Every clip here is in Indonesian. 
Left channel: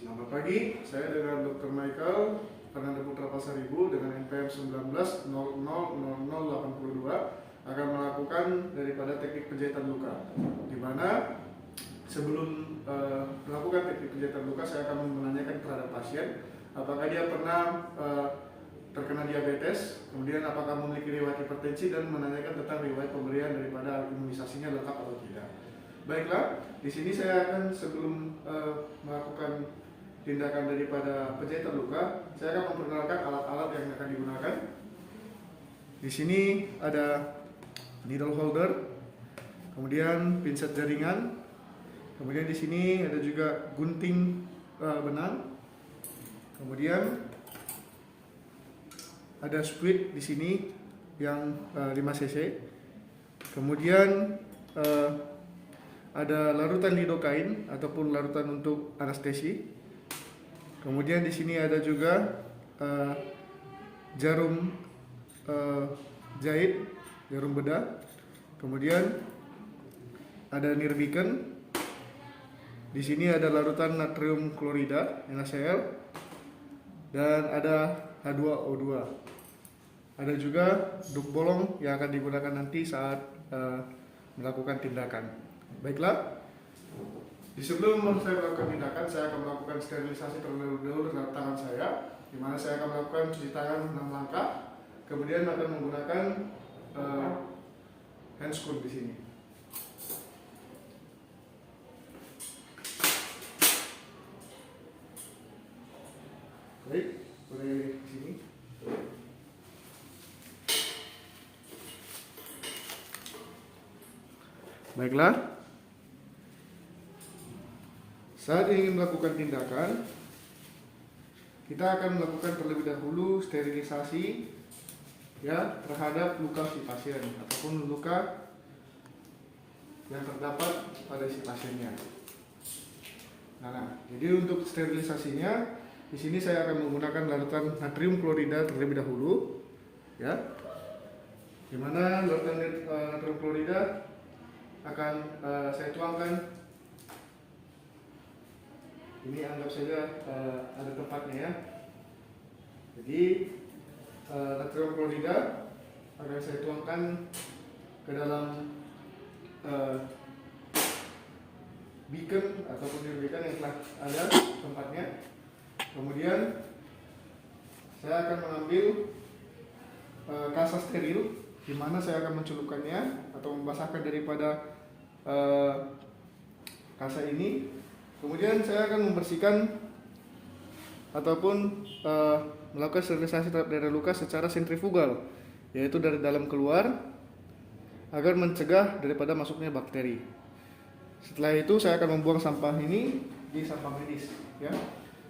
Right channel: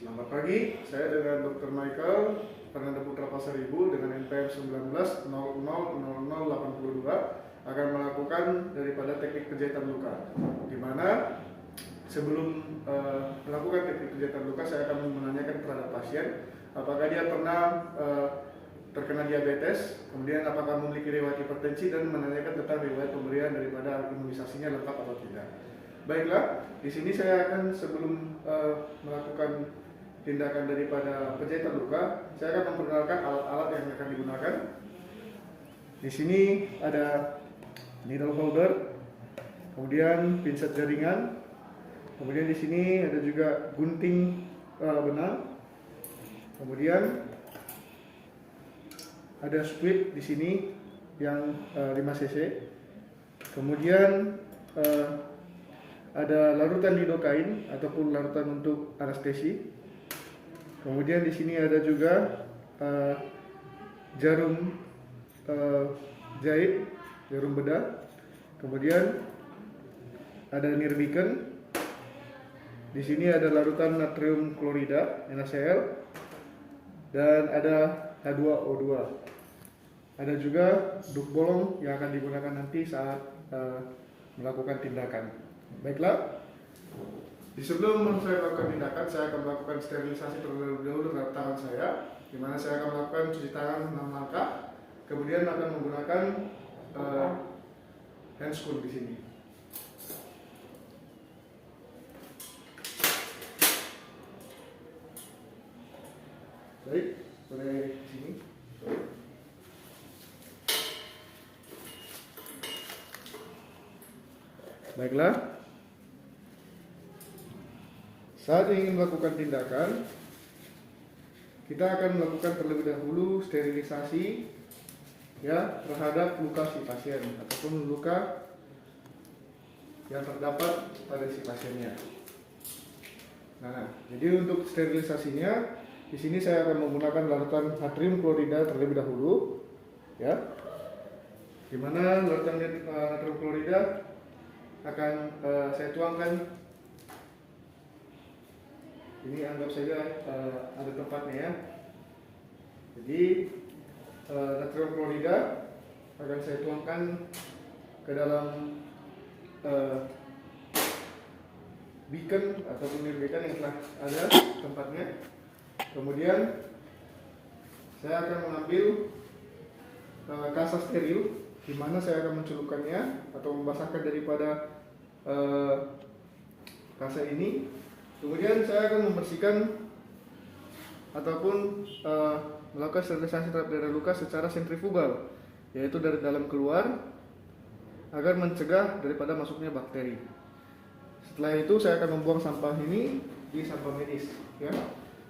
Selamat pagi, saya dengan Dr. Michael Fernanda Putra Pasaribu dengan NPM 19000082 akan melakukan daripada teknik penjahitan luka, di mana sebelum melakukan teknik penjahitan luka saya akan menanyakan terhadap pasien apakah dia pernah terkena diabetes, kemudian apakah memiliki riwayat hipertensi, dan menanyakan tentang riwayat pemberian daripada imunisasinya lengkap atau tidak. Baiklah, di sini saya akan sebelum melakukan tindakan daripada penjahitan luka, saya akan memperkenalkan alat-alat yang akan digunakan. Di sini ada needle holder, kemudian pinset jaringan, kemudian di sini ada juga gunting benang, kemudian ada squid di sini yang 5 cc, kemudian ada larutan lidokain ataupun larutan untuk anestesi. Kemudian di sini ada juga jarum jahit, jarum bedah. Kemudian ada nirbiken. Di sini ada larutan natrium klorida NaCl dan ada H2O2. Ada juga duk bolong yang akan digunakan nanti saat melakukan tindakan. Baiklah, sebelum saya melakukan tindakan, saya akan melakukan sterilisasi terlebih dahulu terhadap tangan saya, di mana saya akan melakukan cuci tangan 6 langkah, kemudian akan menggunakan handscoon di sini. Baik, boleh di sini. Baiklah, saat ingin melakukan tindakan, kita akan melakukan terlebih dahulu sterilisasi ya terhadap luka si pasien ataupun luka yang terdapat pada si pasiennya. Nah, jadi untuk sterilisasinya di sini saya akan menggunakan larutan natrium klorida terlebih dahulu, ya. Di mana larutan natrium klorida akan saya tuangkan. Ini anggap saja ada tempatnya ya. Jadi natrium klorida akan saya tuangkan ke dalam beacon ataupun nirbiken yang telah ada tempatnya. Kemudian saya akan mengambil kasa steril, di mana saya akan mencelupkannya atau membasahkan daripada kasa ini. Kemudian saya akan membersihkan ataupun melakukan sterilisasi terhadap daerah luka secara sentrifugal, yaitu dari dalam keluar, agar mencegah daripada masuknya bakteri. Setelah itu saya akan membuang sampah ini di sampah medis, ya.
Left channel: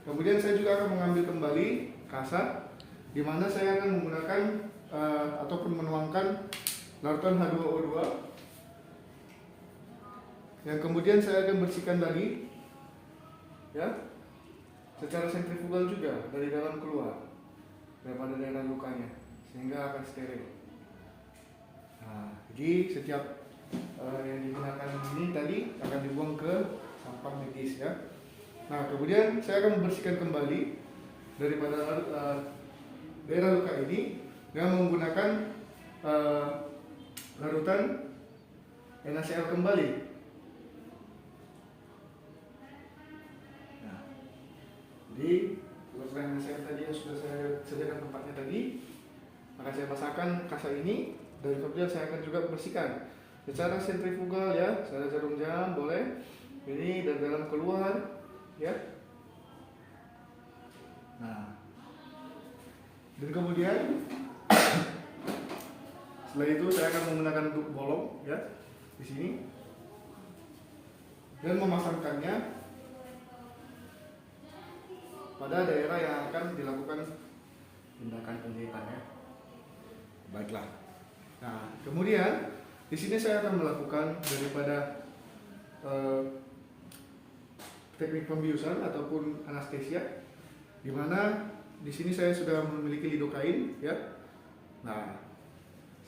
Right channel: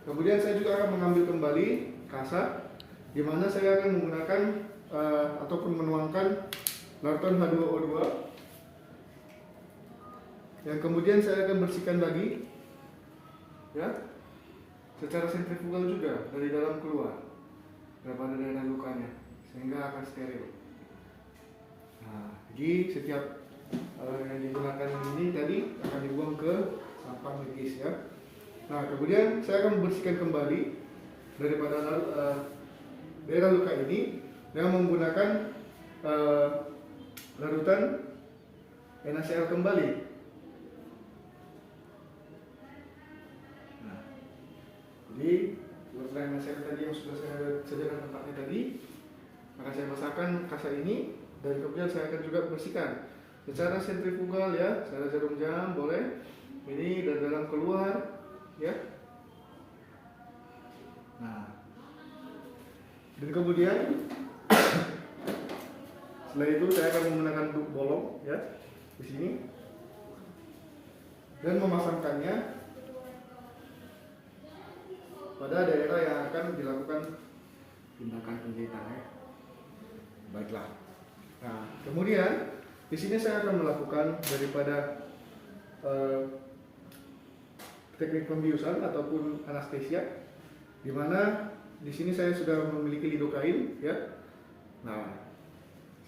Kemudian saya juga akan mengambil kembali kasa, di mana saya akan menggunakan ataupun menuangkan larutan H2O2, yang kemudian saya akan bersihkan lagi, ya, secara sentrifugal juga dari dalam keluar daripada daerah lukanya, sehingga akan steril. Nah, jadi setiap yang digunakan ini tadi akan dibuang ke sampah medis, ya. Nah, kemudian saya akan membersihkan kembali daripada daerah luka ini dengan menggunakan larutan NaCl kembali. Nah, jadi larutan NaCl tadi yang sudah saya sediakan tempatnya tadi, maka saya masukkan kasa ini dan kemudian saya akan juga bersihkan secara sentrifugal, ya, secara jarum jam boleh. Ini dari dalam keluar, ya. Nah, dan kemudian setelah itu saya akan menggunakan duk bolong, ya, di sini, dan memasangkannya pada daerah yang akan dilakukan tindakan penjahitannya. Baiklah. Nah, kemudian di sini saya akan melakukan daripada teknik pembiusan ataupun anestesia, di mana di sini saya sudah memiliki lidokain, ya. Nah,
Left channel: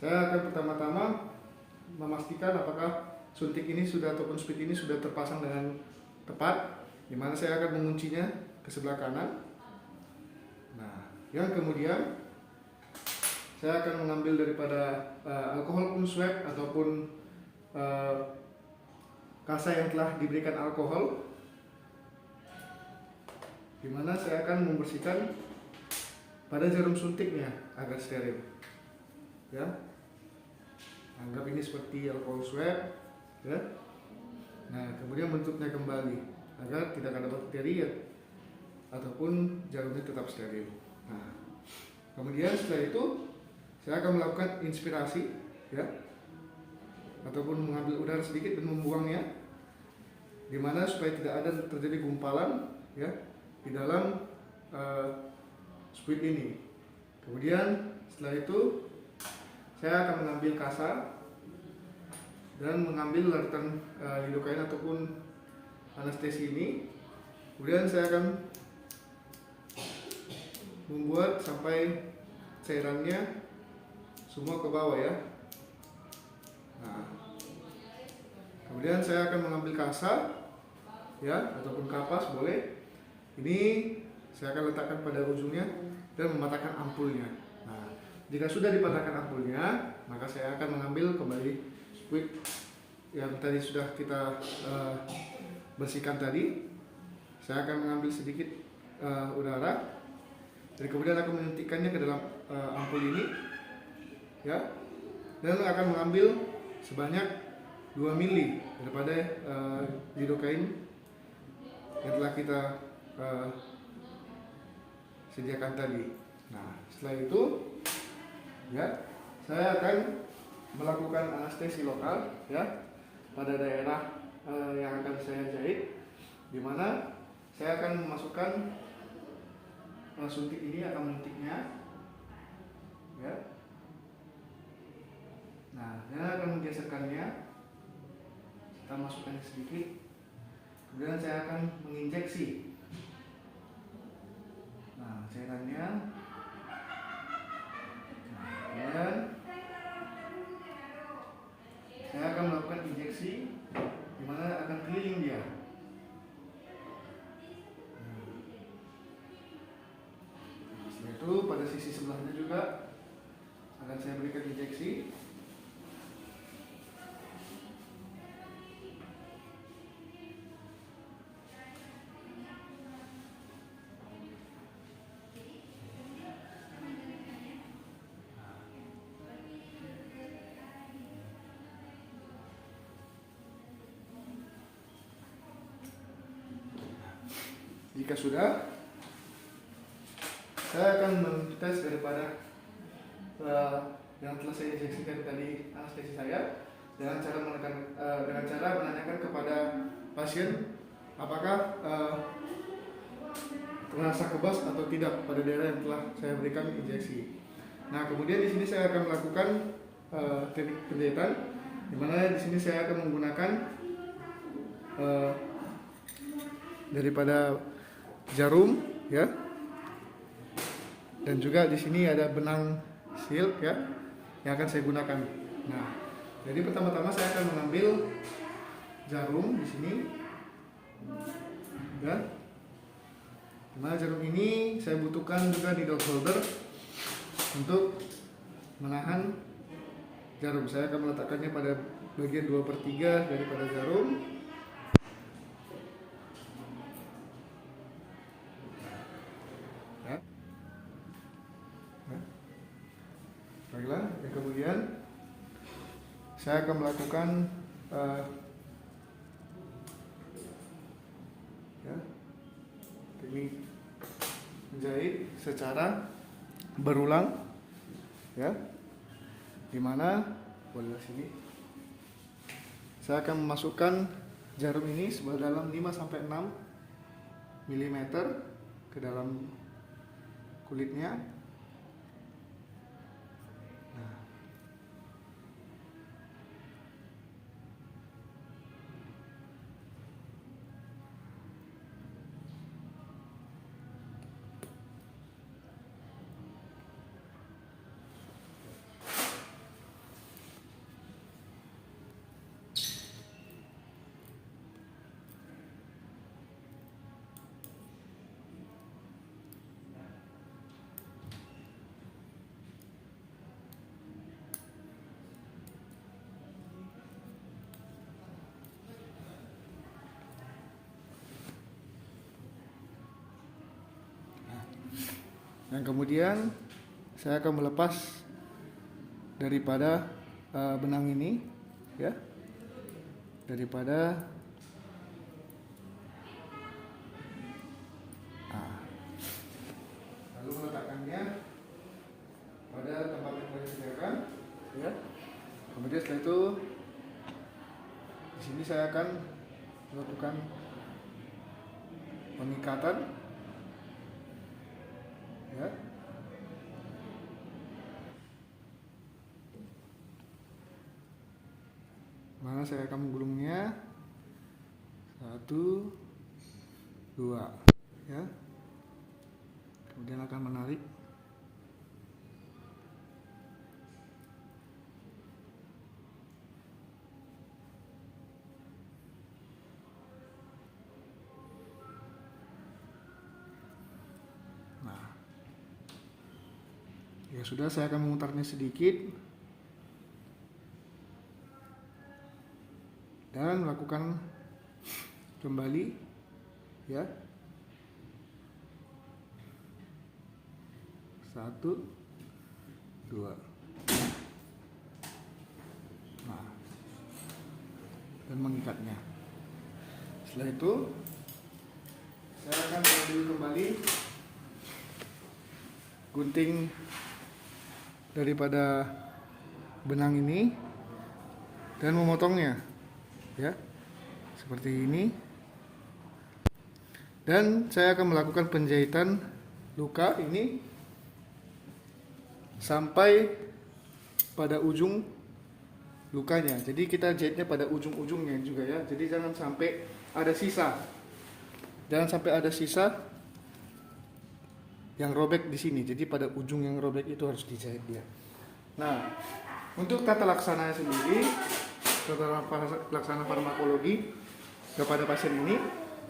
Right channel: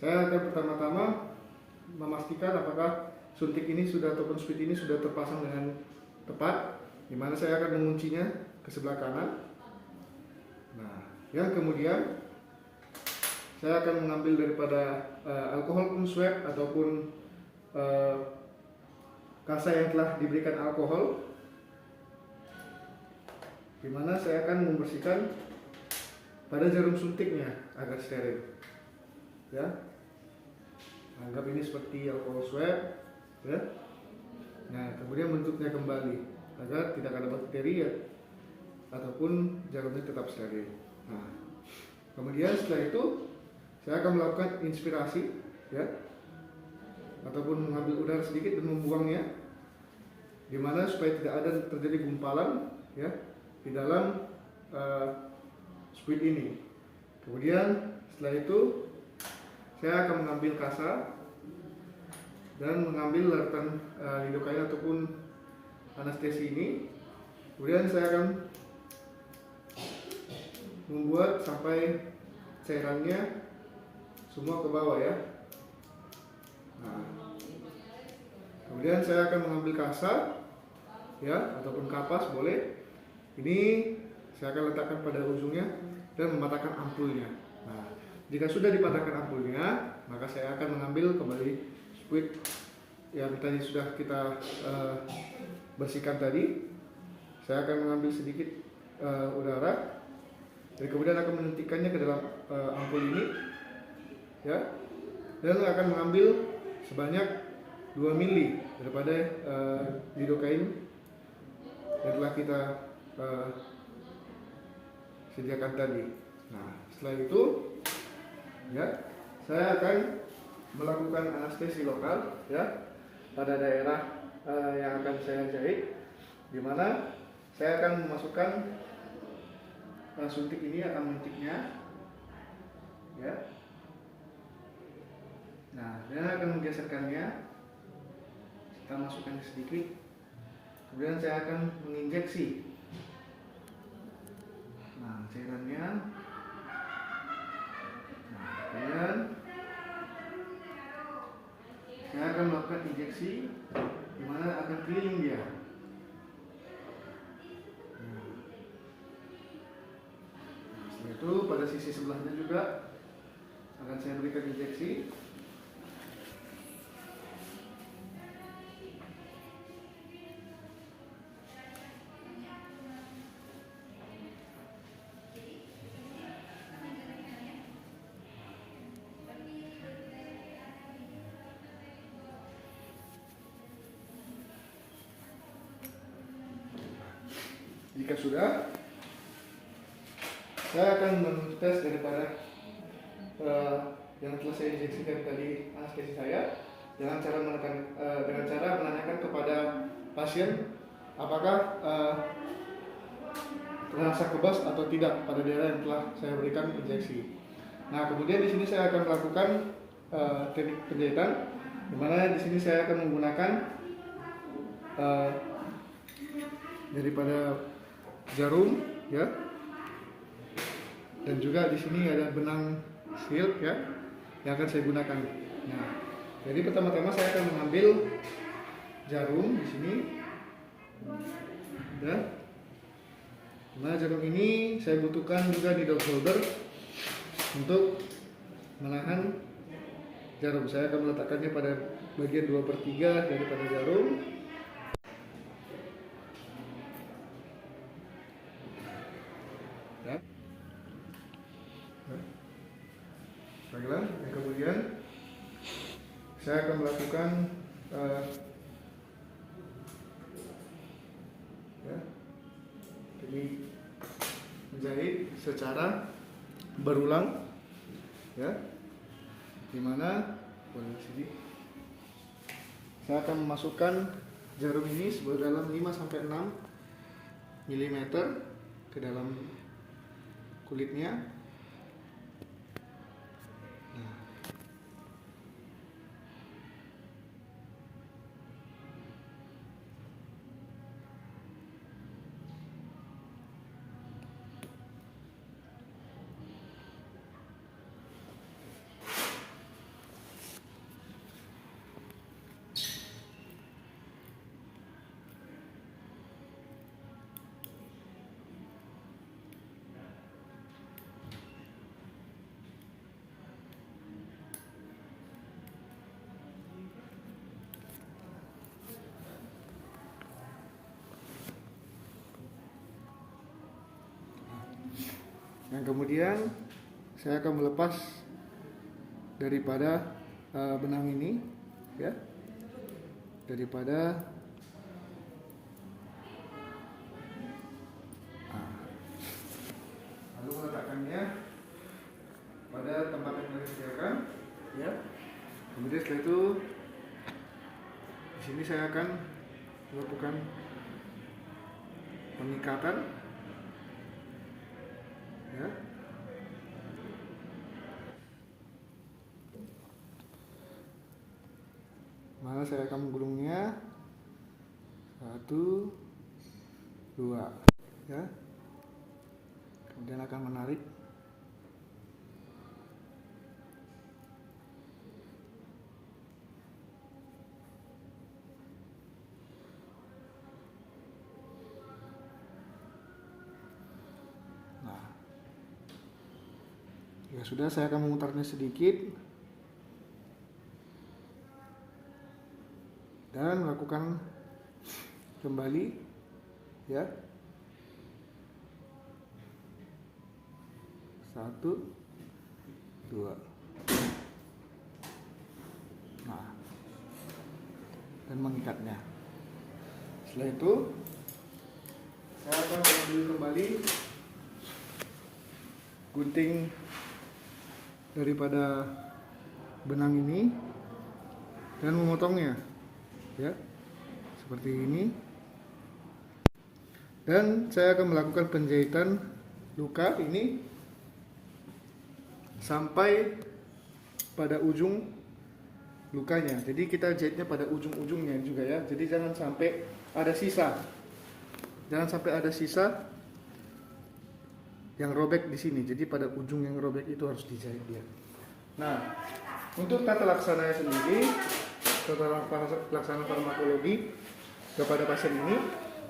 saya akan pertama-tama memastikan apakah suntik ini sudah ataupun squid ini sudah terpasang dengan tepat, dimana saya akan menguncinya ke sebelah kanan. Nah, yang kemudian saya akan mengambil daripada alkohol pun swab ataupun kasa yang telah diberikan alkohol, dimana saya akan membersihkan pada jarum suntiknya agar steril. Ya, anggap ini seperti alkohol swab, ya. Nah, kemudian bentuknya kembali agar tidak ada bakteri ya, ataupun jarumnya tetap steril. Nah, kemudian setelah itu saya akan melakukan inspirasi, ya, ataupun mengambil udara sedikit dan membuangnya, dimana supaya tidak ada terjadi gumpalan, ya, di dalam squid ini. Kemudian setelah itu saya akan mengambil kasa dan mengambil larutan lidocaine ataupun anestesi ini. Kemudian saya akan membuat sampai cairannya semua ke bawah, ya. Nah, kemudian saya akan mengambil kasa, ya, ataupun kapas boleh. Ini saya akan letakkan pada ujungnya dan mematahkan ampulnya. Nah, jika sudah dipatahkan ampulnya, maka saya akan mengambil kembali squid yang tadi sudah kita bersihkan tadi. Saya akan mengambil sedikit udara, dan kemudian akan menyuntikkannya ke dalam ampul ini, ya, dan akan mengambil sebanyak 2 mili daripada lidocaine yang telah kita sediakan tadi. Nah, setelah itu, ya, saya akan melakukan anestesi lokal, ya, pada daerah yang akan saya jahit, di mana saya akan memasukkan suntik ini, akan menyuntiknya, ya. Nah, dan akan menggeserkannya, kita masukkannya sedikit, kemudian saya akan menginjeksi cairannya. Nah, kemudian saya akan melakukan injeksi, di mana akan keliling dia. Nah, setelah itu pada sisi sebelahnya juga akan saya berikan injeksi. Jika sudah, saya akan mentes daripada yang telah saya injeksikan tadi anestesi saya dengan cara menanyakan kepada pasien apakah terasa kebas atau tidak pada daerah yang telah saya berikan injeksi. Nah, kemudian di sini saya akan melakukan teknik penjahitan, di mana di sini saya akan menggunakan daripada jarum, ya, dan juga di sini ada benang silk, ya, yang akan saya gunakan. Nah, jadi pertama-tama saya akan mengambil jarum di sini, ya. Nah, jarum ini saya butuhkan juga di dog holder untuk menahan jarum. Saya akan meletakkannya pada bagian 2/3 daripada jarum. Baiklah, yang kemudian saya akan melakukan teknik menjahit secara berulang, ya, dimana pada sini saya akan memasukkan jarum ini sedalam 5-6 mm ke dalam kulitnya. Dan kemudian saya akan melepas daripada benang ini, ya, daripada lalu meletakkannya pada tempat yang saya sediakan, ya. Kemudian setelah itu di sini saya akan melakukan pengikatan, ya. Mana saya akan menggulungnya, 1, 2, ya. Kemudian akan menarik. Nah, ya sudah, saya akan memutarnya sedikit dan lakukan kembali, ya. 1, 2. Nah, dan mengikatnya. Setelah itu saya akan mengambil kembali gunting daripada benang ini dan memotongnya, ya, seperti ini. Dan saya akan melakukan penjahitan luka ini sampai pada ujung lukanya. Jadi kita jahitnya pada ujung-ujungnya juga, ya. Jadi jangan sampai ada sisa. Jangan sampai ada sisa yang robek di sini. Jadi pada ujung yang robek itu harus dijahit dia. Nah, untuk tata laksananya sendiri, tata laksana farmakologi kepada pasien ini,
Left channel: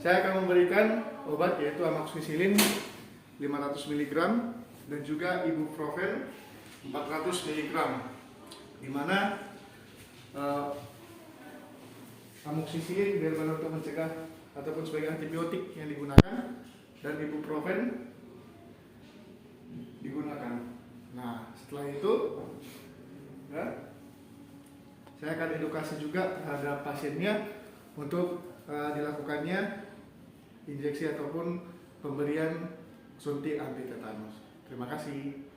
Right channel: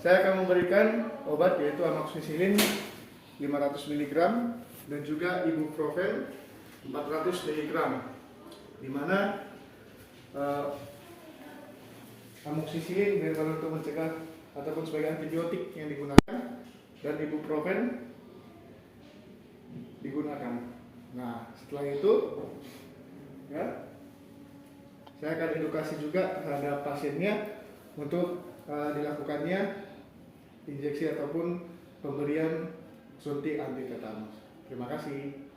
saya akan memberikan obat yaitu amoxicillin 500 mg dan juga ibuprofen 400 mg, di mana amoxicillin benar-benar untuk mencegah ataupun sebagai antibiotik yang digunakan, dan ibuprofen digunakan. Nah, setelah itu, ya, saya akan edukasi juga terhadap pasiennya untuk dilakukannya injeksi ataupun pemberian suntik anti tetanus. Terima kasih.